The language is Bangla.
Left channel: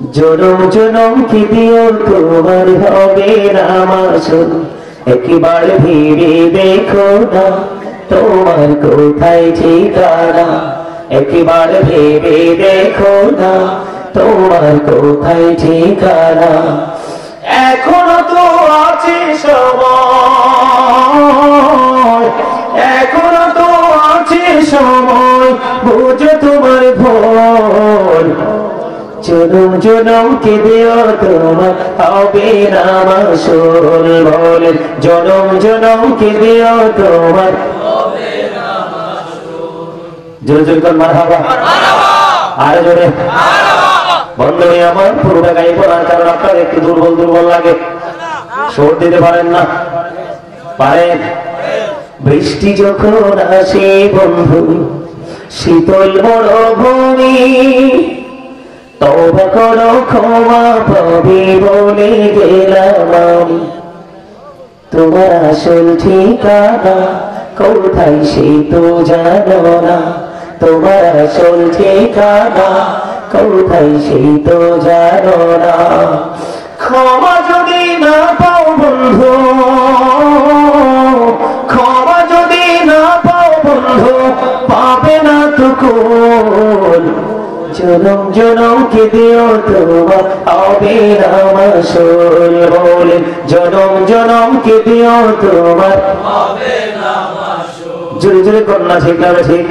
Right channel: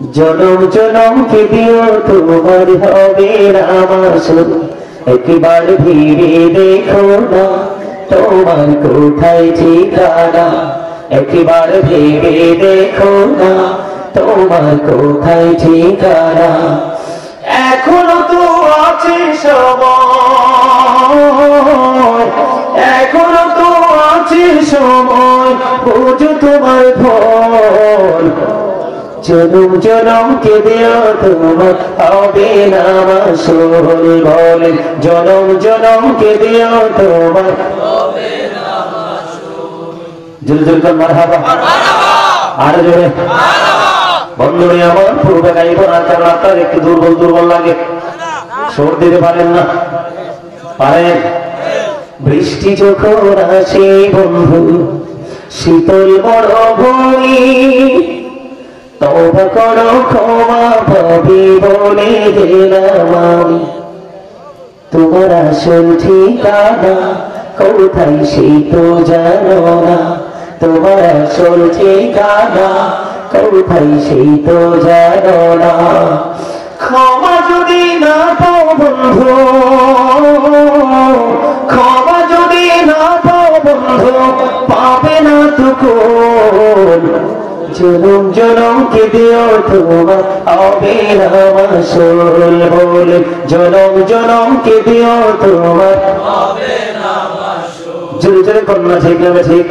জনম জনম কি দিও তোমার হবে না মাসুল, একবার ভেবে দেখো না তোমার কোথায় ঠিকানা, একবার ভেবে দেখো না তোমার কোথায় ঠিকানা। এখনো তো আছে সময়, এখনো তো আছে সময়, বুঝো তোমার ভুল। জনম জনম কে দিও তোমার হবে না মাসুল, বলেন জনম জনম কে দিও তোমার হবে না মাসুল। জোরে জোরে কর মারহাবা, আরে জোরে বন্ধুরা আমার পুরোটা গাইব না, কারণ আপনার একটু দুর্বল দুর্বল লাগে, সুর দিতে পারেন না। পারেন? বৃষ্টি যখন আসে বন্ধু শীতল মরুভূমি, তওবা করো ক্ষমা পাবে বলে গেলাম আমি। তোমার আসল ঠিকানা কোথায় সেই তো জানো না, তোমার আসল ঠিকানা কোথায় সেই তো জানো না। ক্ষমা যদি না পাও বন্ধু, ক্ষমা যদি না পাও বন্ধু, পাবে না তো কোন। জনম জনম কে দিও তোমার হবে না মাসুল, বলে জনম জনম কে দিও তোমার হবে না মাসুল। জোরে জোরে কন্যা, ঠিক না ঠিক?